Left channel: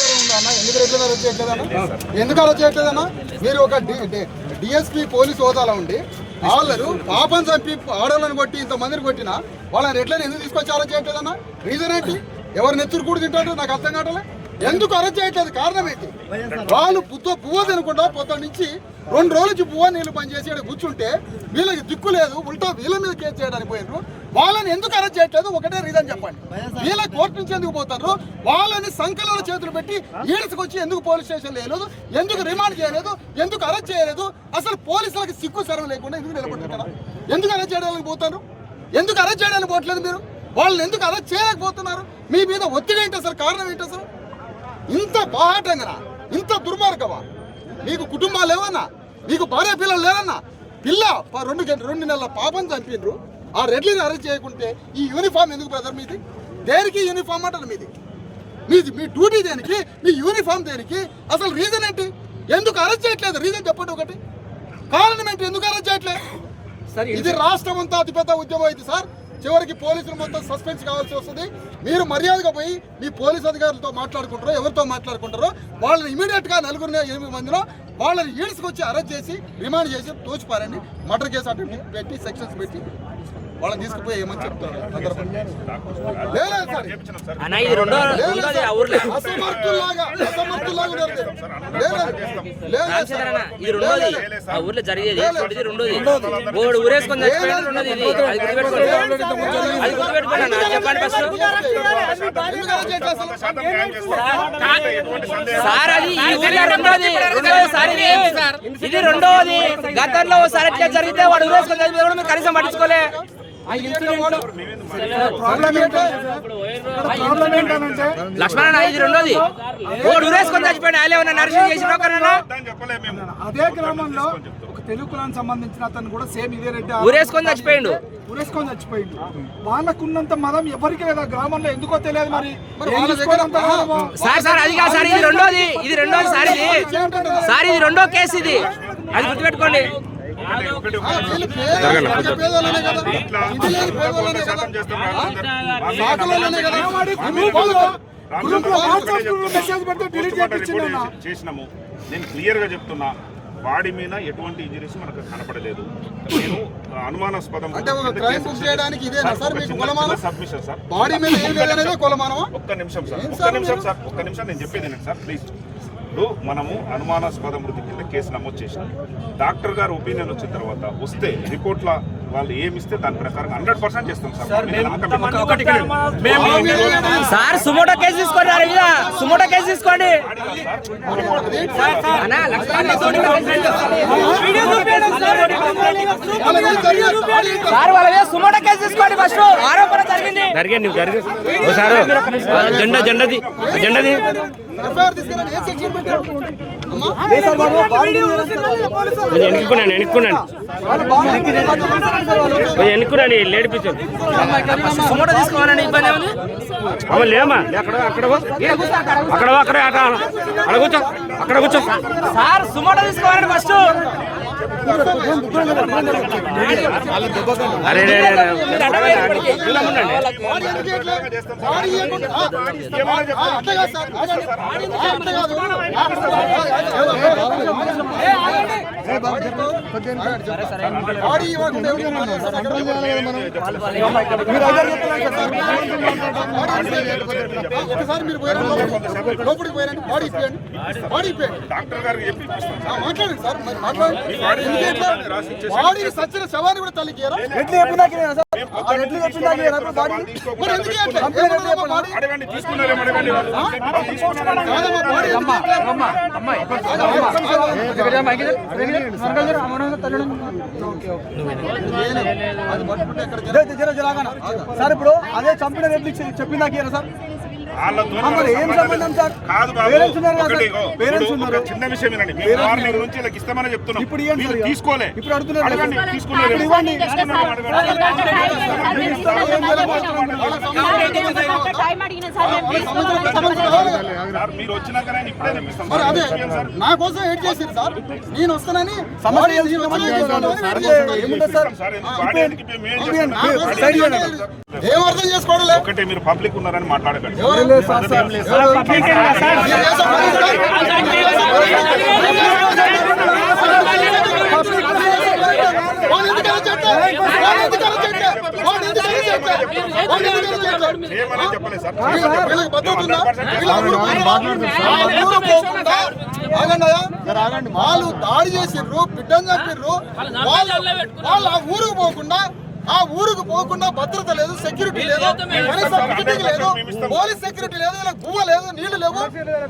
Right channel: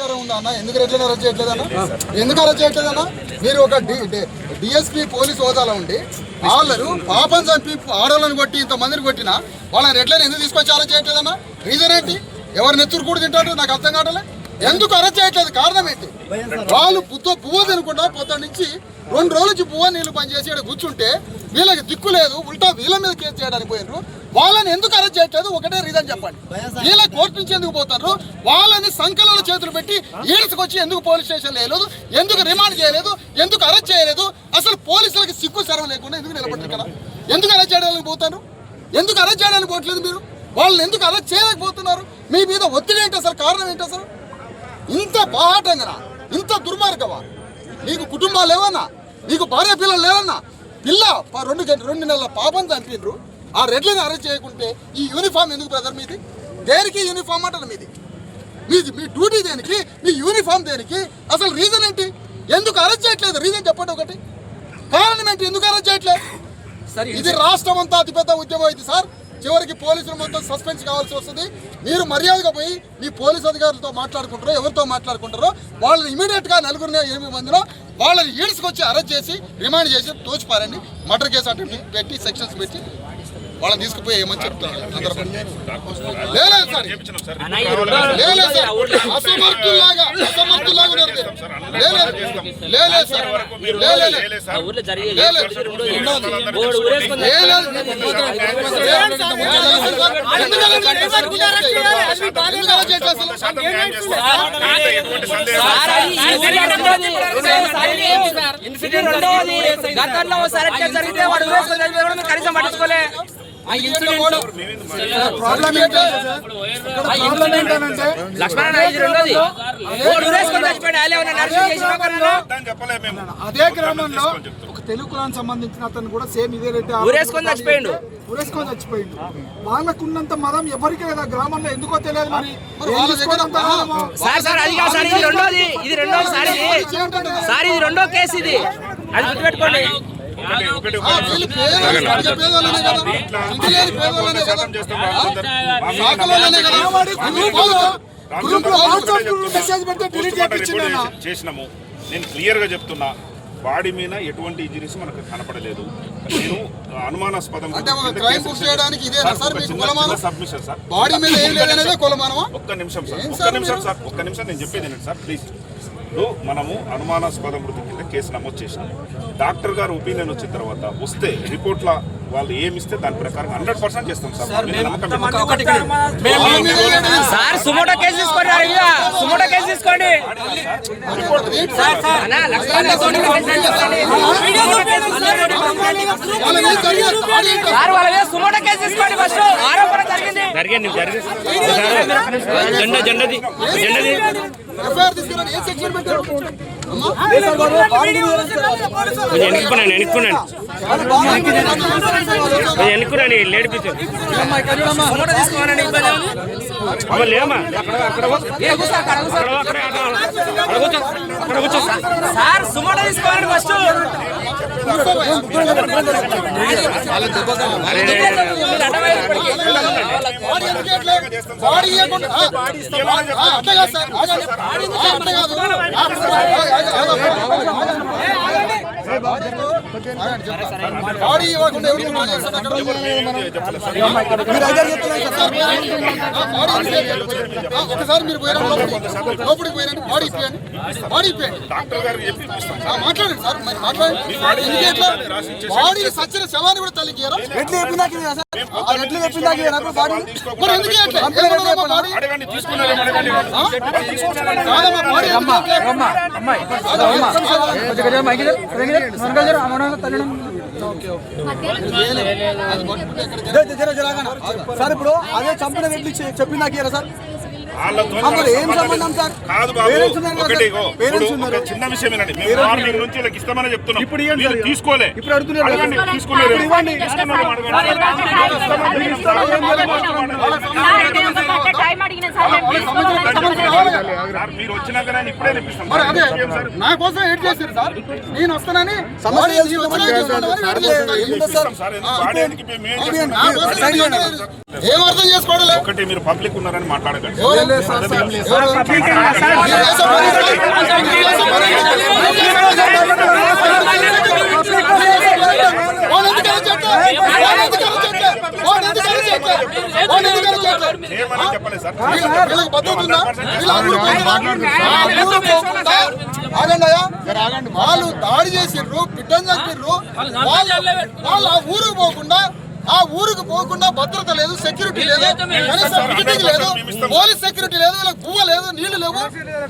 సమాచారం ఉందా అన్న? ఎందుకు రెడ్లను అరెస్ట్ చేయట్లేదన్నా? ఎందుకు అరెస్ట్ చేయట్లేదన్నా? మీరు ఒక డిఎస్పీ పోలీసు హోదాలో ఉండి వాళ్ళు పాపం చంపి ఆడవాళ్ళని కొట్టి ఇంతమందిని కొట్టినా వాళ్ళని రెడ్లను ఎందుకు తీసుకొచ్చి అరెస్ట్ చేయట్లేదన్నా? రీజన్ ఏంటి? ఎవరు నెత్తురు కూడా తింటారు నాకు అర్థం కావట్లే. ఎందుకు అరెస్ట్ చేయట్లేదు? కారణం ఏంటి? వాళ్ళు పువ్వు తినకుండా పొద్దున్న నుంచి 2 రోజుల నుంచి పువ్వు నీళ్ళు పనిచేసి కూర్చుంటే వీళ్ళకి దిక్కు లేదు, ఉల్టా వీళ్ళ మీద కేసు చేయడానికి పోయినారు. వాళ్ళని ఎందుకు అరెస్ట్ చేయట్లేదు? ఒకటే రీజన్ చెప్పండి. వీళ్ళ కోర్టు నుంచి ఎందుకు పోతారు? వాళ్ళని సంఖ్యలో చేతులు పెట్టి ఈడ్చుకొచ్చి ఎందుకు పోలీస్ స్టేషన్ లేదు, ఎందుకు రిమాండ్ చేయలేదు, ఎందుకు అరెస్ట్ చేయలేదు? అసలు పోలీసులకి సిగ్గు సరం లేకుండా ఎందుకు నిలబడుతుంది కదా? ఎందుకు అరెస్ట్ చేయడానికి పోతారు? ఎందుకు అరెస్ట్ చేయడానికి పోవట్లేదు మీరు? వాళ్ళని ఎందుకు అరెస్ట్ చేయలేకపోతున్నారు? మీ మీద ఒత్తిడి ఏంటి అసలు? కారణం ఏంటి అసలు? ఇంత బాహాటంగా, ఇంత దుర్మార్గమా? నీకు కుటుంబాలు లేవన్నా? నీకు భార్య పిల్లలు లేవన్నా? పిల్ల 2 నెలల పాపం చంపినరు. ఆ రెడ్లని అరెస్ట్ చేయకుంటే ఈ యూనిఫామ్ ఎందుకు బ్రదర్ మీది? దేనికి యూనిఫామ్ అంటారు మీది? మీ డ్యూటీ దేనికి? మీ యూనిఫామ్ దేనికి? అసలు రీజన్ ఏంటి? ఎందుకు అరెస్ట్ చేయట్లేదు? రీజన్ చెప్పండి ఒకటి. కారణం ఏంటి? ఎందుకు అరెస్ట్ చేయట్లేదు? ఇది రాష్ట్రం అంతా అతిపెద్ద ఉద్యమం అయింది సార్. చివరికి పోలీసులు మొత్తం సస్పెన్స్ కావాల్సి వస్తుంది. మీరు మర్యాదగా పోయి మీ పోలీస్ అధికారులతో మాట్లాడుకుంటారో ఎవరితో మాట్లాడుకుంటారో వాళ్ళని ఇమీడియట్గా 8 మందిలో వాళ్ళని ఈడ్చుకొచ్చి అరెస్ట్ చేసి రిమాండ్ చేసి తోచిపారండి. మర్డర్ కేసు అటెంప్ట్ పెట్టి సెక్షన్స్ పెట్టి వాళ్ళని తీసుకుపోయి ఏమని చెప్తారు అందరూ. లేదు సార్, లేదు సార్, అసమర్థుల్లాగా ఉన్నారు. లేదు సార్, గతంలో జరిగితే వాడు కనీసం పట్టించుకోలే. అదే గ్రామంలో ఒక తెలుగు కులానికి సంబంధించిన అతను కూడా సేమ్ ఇదే రెడ్డి ఊరేసుకొని చచ్చిపోయిండు. వాళ్ళకున్నంత మతం ఎవరికి లేదా గ్రామంలో? ఎందుకో తెలియదు. మరి ఇది రెండో కేసు. ఇది అది గుర్తుపెట్టుకోండి. చేసినాము. నేను క్లియర్ గా చెప్తున్నా, బాడీ మీద ఎటువంటి ఇంజరీస్ మనకు కనపడలేదు. నేను అనుమానాస్పదం సబ్మిషన్ సార్. ఒక్క నిమిషం నేను చెప్పేది సార్ ప్లీజ్. ఇప్పుడు మనము అనుమానాస్పద మృతి కింద కేసు నమోదు చేసినాం. డాక్టర్ గారు ఒపీనియన్ వచ్చిన తర్వాత వస్తే రిపోర్ట్ల వాళ్ళు ఏమిస్తే దాని ప్రకారం 100% చేస్తాం సార్. సుమోటో కేసు తీసుకోండి. ఎన్నుకున్నాను లేడిపించు లేమా అక్కడ కూర్చో సార్. సుమోటో తీసుకోవాలండి ఫస్ట్. ఒకసారి మీరు పోయారు లోపలికి పోయారండి. బాడీ ఇప్పండి డాక్టర్ గారికి చెప్పి మాట్లాడండి సార్. మరి మాట్లాడండి. బాడీ సచ్చిన శవాన్ని కూడా తల్లికి సార్. ఇప్పుడు అదే చంపిన రెడ్డి చెప్పిన సార్ కాదు బాబు. ఒకటి చిన్న విషయం ఏనండి. మేము మార్నింగ్ నుంచి ఇలా ఇస్తామని చెప్తున్నాం. మీరు తీసుకోలే. అడగండి. తీసుకోలేదు. మీరు వచ్చినాకనే ఇప్పుడే ఇప్పిస్తాం. నా కోసం ఏడ్ చేశారు సార్. నేను వస్తానని ఏం అర్థం చేసుకోవడం. ఒకటి మీరు పబ్లిక్ ఉన్నారని మాట్లాడకండి. చేయమని చెప్పలేదు సార్. వీళ్ళకి పద్ధతి ఉందా? వీళ్ళు ఆ ఊరు పోతారా? ఆ ఊరు పోకుండా ఆగండియా, వాళ్ళు దాడి చేసిర్రు, బిడ్డను చంపిర్రు. వాళ్ళు ఆ ఊరుకు పోకుండా భద్రత లేదు, సెక్యూరిటీ లేదు, కనీసం సెక్యూరిటీ లేదు, పోలీస్ సెక్యూరిటీ లేదు, వీళ్ళకి పువ్వ లేదు, నీళ్లు లేవు.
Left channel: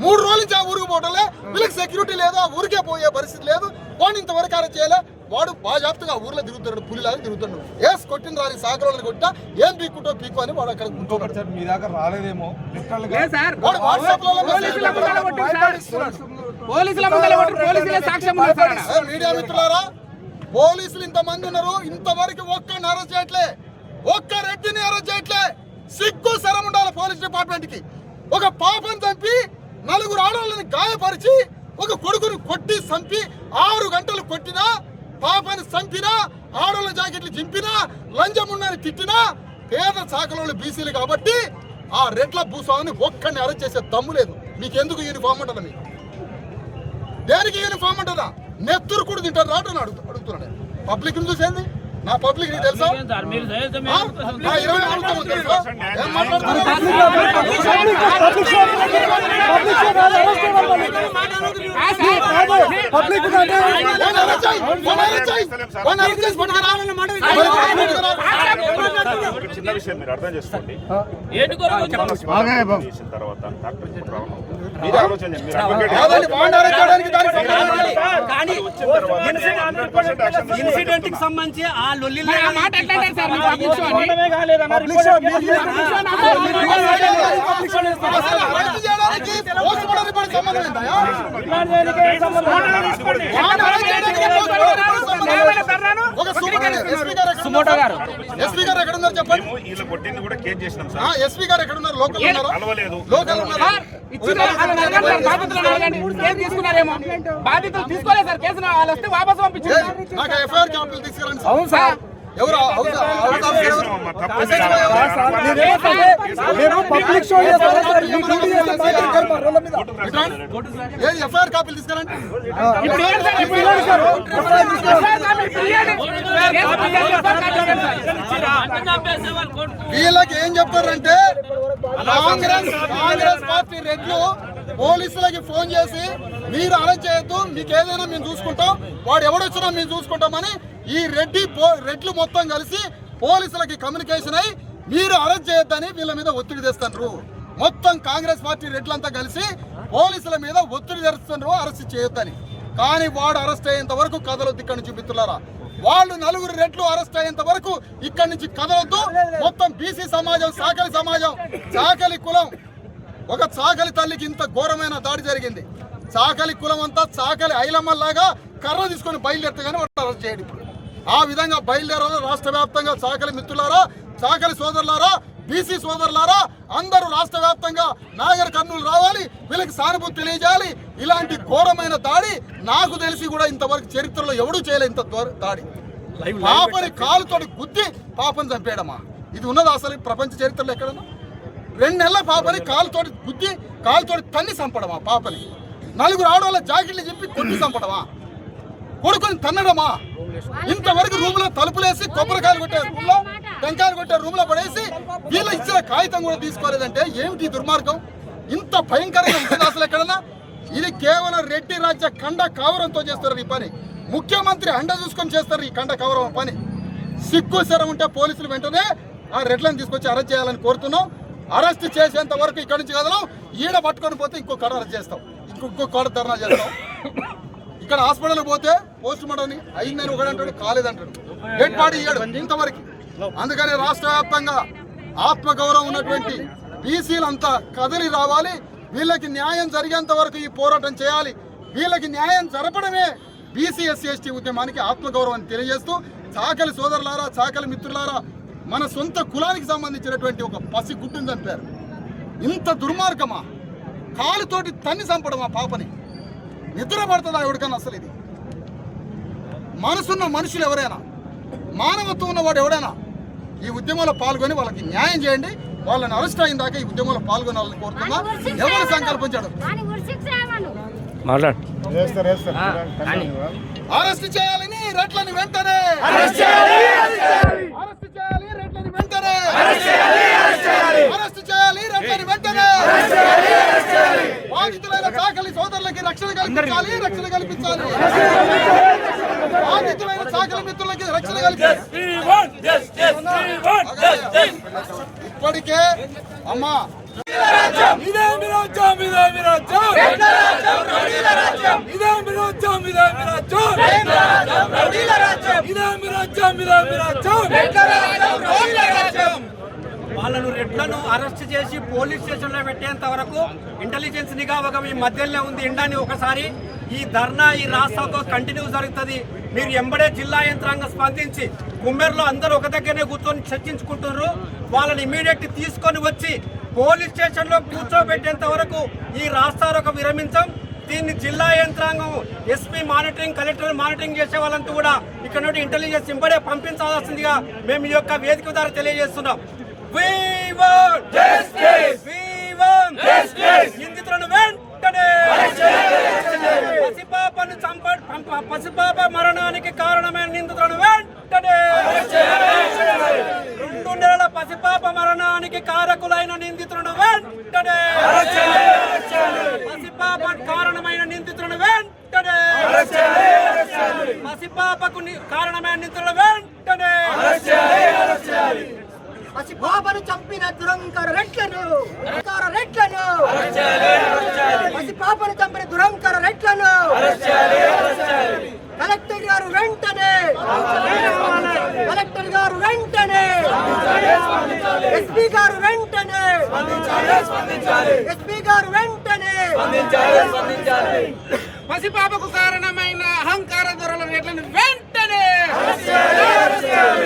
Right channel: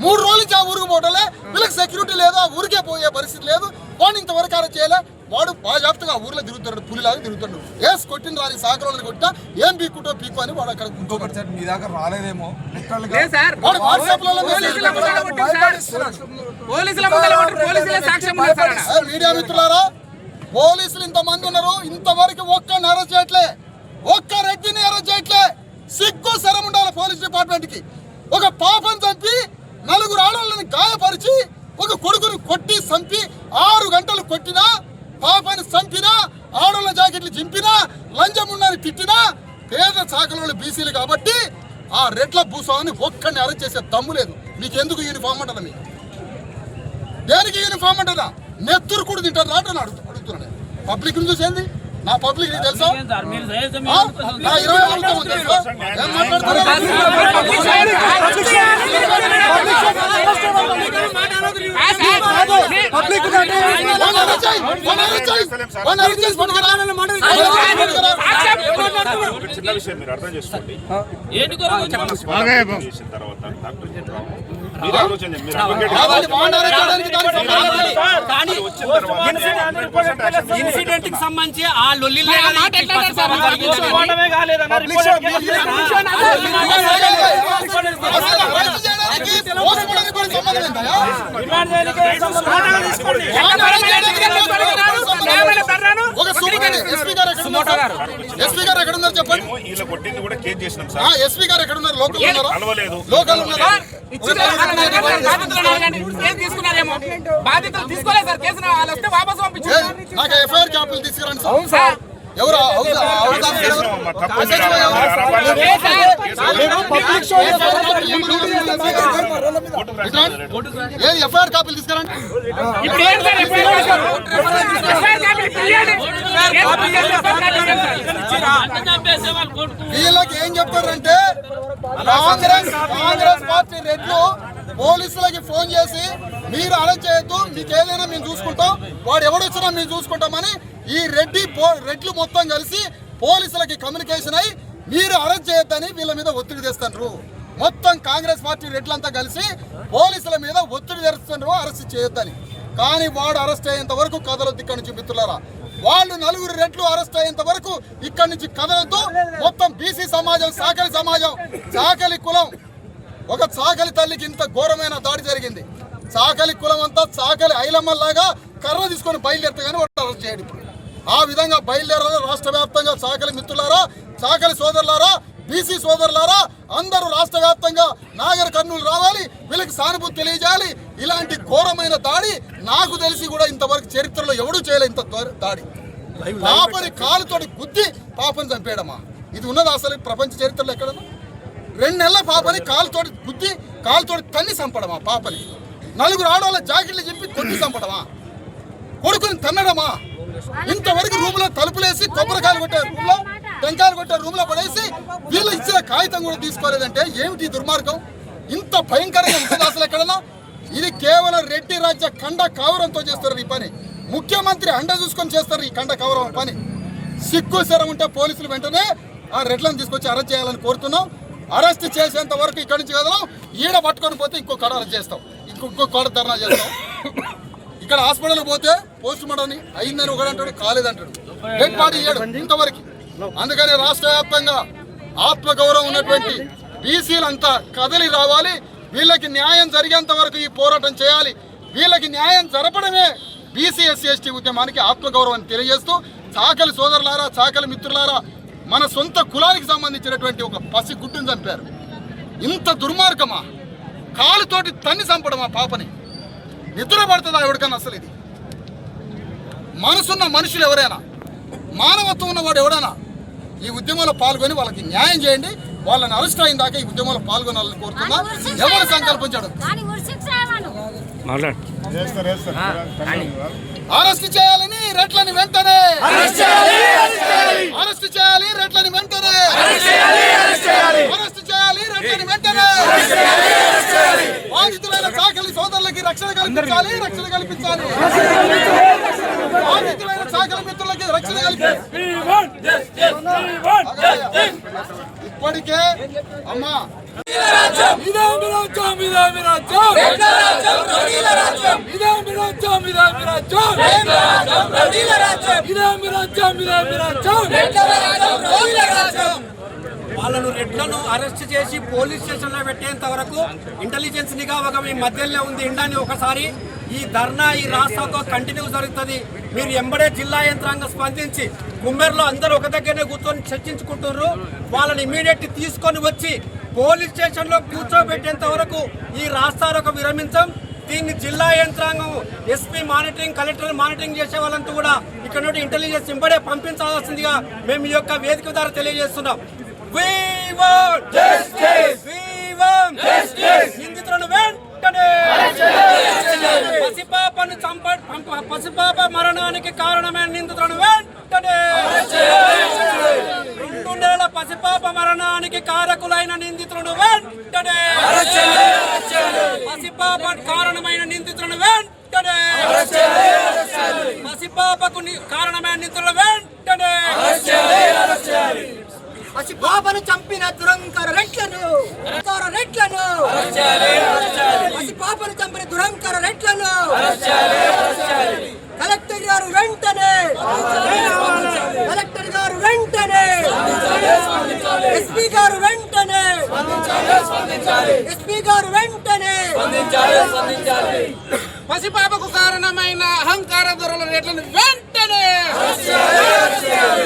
3 రోజుల నుంచి ఆ ఊరికి పోవటంలే, వీళ్ళకి సెక్యూరిటీ లేదు, ఆ ఊరికే పోయే పరిస్థితి లేదు. వాడిని ఇంతవరకు అరెస్ట్ చేయలే. వాడు బాజాప్తగా ఆ ఊర్లో తిరుగుతాడు, పులిలాగా తిరుగుతాడు. ఏస్ కొట్టిన రాని సాగరంలో కొట్టా ఏం పీక్కుంటో పీక్కు అని వాడు అక్కడ కూర్చోబెడతాడు. మీ దాకా రాలేదేమో వాడు వాట్సాప్లో మీడియా మిత్రులారా, పోలీసులు ఇంతమంది ఉన్నారు, ఇంతవరకు ఒక్కరిని అరెస్ట్ చేయట్లే, ఒక్క రెడ్డిని అరెస్ట్ చేయట్లే. సిగ్గు శరం ఉండాలి పోలీస్ డిపార్ట్మెంట్ కి. ఒక పాపను చంపి 4 ఆడవాళ్ళని గాయపరిచి ఒక కొడుకుని కొట్టి చంపి 6 గంటలు కొట్టినా, పాపని చంపినా, ఆడవాళ్ళ జాకెట్లు చింపినా, లంచమున్నని తిట్టినా పేద శాఖలో బీసీలు కాబట్టి ఆ రెడ్ల భూస్వామిని ఒక్కడిని అరెస్ట్ చేసే దమ్ము లేదు. మీకెందుకు యూనిఫామ్ అంటారా? మీకు దేనికి యూనిఫామ్ అంటారా? నెత్తురు కూడా తింటారు రాటని అడుగుతున్నాను. పబ్లిక్ ని చూసేంది నా పబ్లిక్ నీకు తెలుసా? 20 ఆడుతాము తెలుసా? ఏం మాట్లాడుతున్నారు? చిన్న విషయం మీరు అర్థం చేసుకోండి. చేసిన తర్వాత డాక్టర్ మీరు ఆలోచన చేయండి. మీరు వచ్చిన తర్వాత ఇన్సిడెంట్ కి సంబంధించి ఆ లొల్లి ఎస్పీ గారు ఎక్కడ ఉన్నారు చెప్పండి. వీళ్ళ కొట్టింది కూడా కేసు చేసినాం సార్. ఎస్పీ గారు ఎక్కడ ఉన్నారు? లోకల్ ఉన్నారా? కలవలేదు. లోకల్ ఉన్నారా? బాధ్యతలు తీసుకోలేదు సార్. కేసు వాళ్ళు వస్తే వాపసు పంపించారు. నాకు ఎఫ్ఐఆర్ కాపీలు తీసుకురండి సార్. ఎవరు ఎఫ్ఐఆర్ కాపీలు తీసుకురండి. వీళ్ళకి ఏం చెప్పారంటే కాంగ్రెస్ పార్టీ రెడ్లు పోలీసులకి ఫోన్ చేసి మీరు అరెస్ట్ చేయొద్దు, మీకు ఏదైనా మేము చూసుకుంటాం, వాడు ఎవడొచ్చినా మేము చూసుకుంటామని ఈ రెడ్లు మొత్తం కలిసి పోలీసులకి కమ్యూనికేషన్ అయ్యి మీరు అరెస్ట్ చేయొద్దని వీళ్ళ మీద ఒత్తిడి తెస్తున్నారు. మొత్తం కాంగ్రెస్ పార్టీ రెడ్లంతా కలిసి పోలీసుల మీద ఒత్తిడి తెస్తున్నారు అరెస్ట్ చేయొద్దని. కానీ వాడు అరెస్ట్ అయ్యేంత వరకు కదలొద్దు ఇక్కడి నుంచి మిత్రులారా. వాళ్ళు 4 రెడ్లు అరెస్ట్ అయ్యేంత వరకు ఇక్కడి నుంచి కదలొద్దు. మొత్తం బీసీ సమాజం, సాకలి సమాజం, సాకలి కులం, ఒక సాకలి తల్లికి ఇంత ఘోరమైన దాడి జరిగింది. సాకలి కులం అంతా సాకలి ఐలమ్మల్లాగా కర్ర తీసుకొని బయలుదేరితే కానీ వాడు అరెస్ట్ చేయడు. ఇప్పుడు ఆ విధంగా బయలుదేరాలి రాష్ట్ర వ్యాప్తంగా. సాకలి మిత్రులారా, సాకలి సోదరులారా, బీసీ సోదరులారా, అందరూ రాష్ట్ర వ్యాప్తంగా నాగర్ కర్నూలు రావాలి, వీళ్ళకి సానుభూతి తెలియజేయాలి. ఇలాంటి ఘోరమైన దాడి నాకు తెలిసి కూడా ఇంతవరకు చరిత్రలో ఎవడూ చేయలే. ఇంత దాడి పాపని కాలుతోటి గుద్ది పాపని చంపేయడమా? ఇది ఉన్నది అసలు ప్రపంచ చరిత్రలో ఎక్కడన్నా? 2 నెలల పాపని కాలుతోటి గుద్ది కాలుతోటి తన్ని చంపడమా? పాపని 4 ఆడవాళ్ళ జాకెట్లు చెప్పి కొట్టి చంపడమా? కొడుకుని తన్నడమా? ఇంతవరకు రూమ్ లో తలుపులేసి కొబ్బరికాయలు కొట్టారు, రూమ్ లో టెంకాయలు కొట్టారు, రూమ్ లో పడేసి వీళ్ళు ఇచ్చిన కాగితం కూడా తీసుకోలేదంటే ఏమిటి దుర్మార్గం? ఇంత భయంకరంగా ఉంటుంది అసలు ఎక్కడన్నా? ఇది కేవలం రెడ్డి రాజ్య కండ కవరంతో చేస్తారు ఈ పని. ముఖ్యమంత్రి అండ చూసుకొని చేస్తారు ఈ కండ కవరం పని. సిగ్గు శరం ఉంటే పోలీసులు వెంటనే ఆ రెడ్లను తీసుకొచ్చి అరెస్ట్ చేయాలని కోరుతున్నాం. అరెస్ట్ చేసేంత వరకు ఇక్కడి నుంచి కదలం. ఈడ పట్టుకొని పోతే ఇంకో కాడ అరెస్ట్ చేస్తాం, ఇంకో కాడ ధర్నా చేస్తాం. ఇక్కడ హాస్పిటల్ పోతే పోస్ట్ మార్టం అయిందని ఒకడంటాడు, కాలేదంటాడు, డెడ్ బాడీ ఇయ్యాడు ఇంతవరకు. అందుకని రాష్ట్ర వ్యాప్తంగా ఆత్మగౌరవం ఉన్నటువంటి బీసీలంతా కదలి రావాలి. వీళ్ళకి న్యాయం జరిగేంత వరకు ఈ పోరాటం చేయాలి. వీళ్ళకి న్యాయం జరపడమే బీసీ ఎస్సీ ఎస్టీ ఉద్యమానికి ఆత్మగౌరవాన్ని తెలియజేస్తూ, చాకలి సోదరులారా, చాకలి మిత్రులారా, మన సొంత కులానికి సంబంధించినటువంటి ఒక పసి గుడ్డును చంపారు. ఇంత దుర్మార్గమా? కాలుతోటి తన్ని చంపడమా పాపని? నిద్ర పడుతుందా ఎవరికన్నా? అసలు ఇది మనసున్న మనుషులు ఎవరైనా, మానవత్వం ఉన్నవాడు ఎవడైనా ఈ ఉద్యమంలో పాల్గొని వాళ్ళకి న్యాయం చేయండి. వాళ్ళని అరెస్ట్ అయిన దాకా ఈ ఉద్యమంలో పాల్గొనాలని కోరుతున్నా. ఎవరు సంకల్పించాడు మాట్లాడు. అరెస్ట్ చేయాలని రెడ్లని వెంటనే అరెస్ట్ చేయాలి, రెడ్లని వెంటనే అరెస్ట్ చేయాలి, రెడ్లని వెంటనే బాధితులైన సాకలి సోదరులకి రక్షణ కల్పించాలి, బాధితులైన సాకలి మిత్రులకి రక్షణ కల్పించాలి. ఇప్పటికే అమ్మా వాళ్ళను రెడ్లను అరెస్ట్ చేసి పోలీస్ స్టేషన్ లో పెట్టేంత వరకు ఇంటెలిజెన్స్ నిఘా ఒక మీ మధ్యలో ఉంది. ఇండాని ఒకసారి ఈ ధర్నా ఈ రాస్తాతో కంటిన్యూ జరుగుతుంది. మీరు ఎంబడే జిల్లా యంత్రాంగం స్పందించి కుమ్మేరులో అందరూ ఒక దగ్గరనే కూర్చొని చర్చించుకుంటున్నారు. వాళ్ళని ఇమీడియట్ తీసుకొని వచ్చి పోలీస్ స్టేషన్ లో కూర్చోబెట్టేంత వరకు ఈ రాస్తారోక విరమించాం. దీన్ని జిల్లా యంత్రాంగం ఎస్పీ మానిటరింగ్, కలెక్టర్ మానిటరింగ్ చేసే వాళ్ళంతా కూడా ఇక్కడ నుండి ఇంటెలిజెన్స్ ఇంబడే పంపించాల్సిందిగా మేము ఈ యొక్క వేదిక ద్వారా తెలియజేస్తున్నాం. నిందితులను వెంటనే పసిపాప మరణానికి కారణమైన నిందితులను వెంటనే 2 నెలల పసిపాప మరణానికి కారకులైన నిందితులను వెంటనే పసిపాప కారణమైన నిందితులను వెంటనే పసిపాపకు కారణమైన నిందితులను వెంటనే పసిపాపను చంపిన దురంకర రెట్లను పసిపాపను చంపిన దురంకర రెట్లను కలెక్టర్ గారు వెంటనే ఎస్పీ గారు వెంటనే పసిపాపకు కారణమైన అహంకార ధరల రేట్లను వెంటనే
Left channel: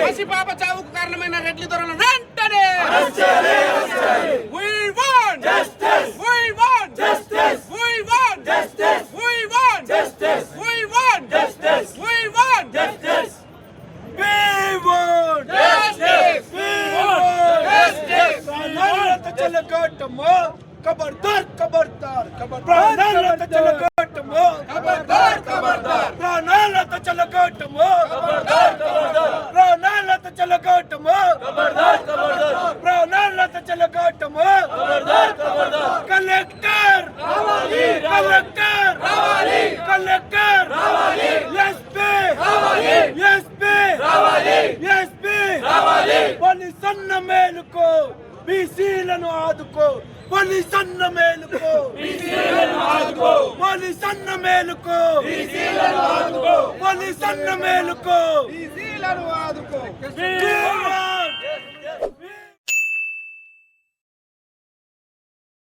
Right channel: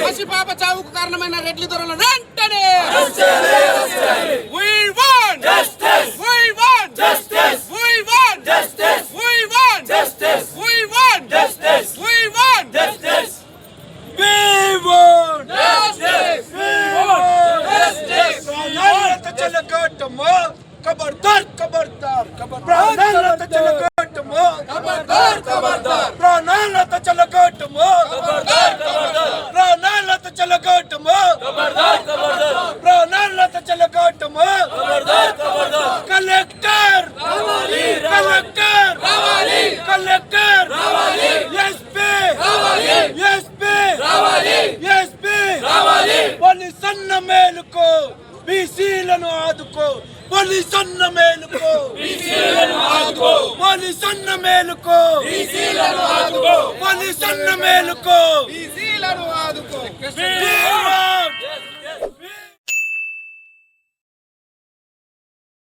పసిపాప చావుకు కారణమైన రెడ్ల ధరలను వెంటనే We want justice. We want justice. We want justice. We want justice. We want justice. We want justice. We want justice. We want justice. ప్రాణాలతో చెలగొట్టము ఖబర్దార్ ఖబర్దార్ ప్రాణాలతో చెలగొట్టము ప్రాణాలతో చెలగొట్టము ప్రాణాలతో చెలగొట్టము ప్రాణాలతో చెలగొట్టము కలెక్టర్ కలెక్టర్ ఎస్పీ పోలీస్ అన్న మేలుకో బీసీలను ఆదుకో పోలీస్ అన్న మేలుకో పోలీస్ అన్న మేలుకో పోలీస్ అన్న మేలుకో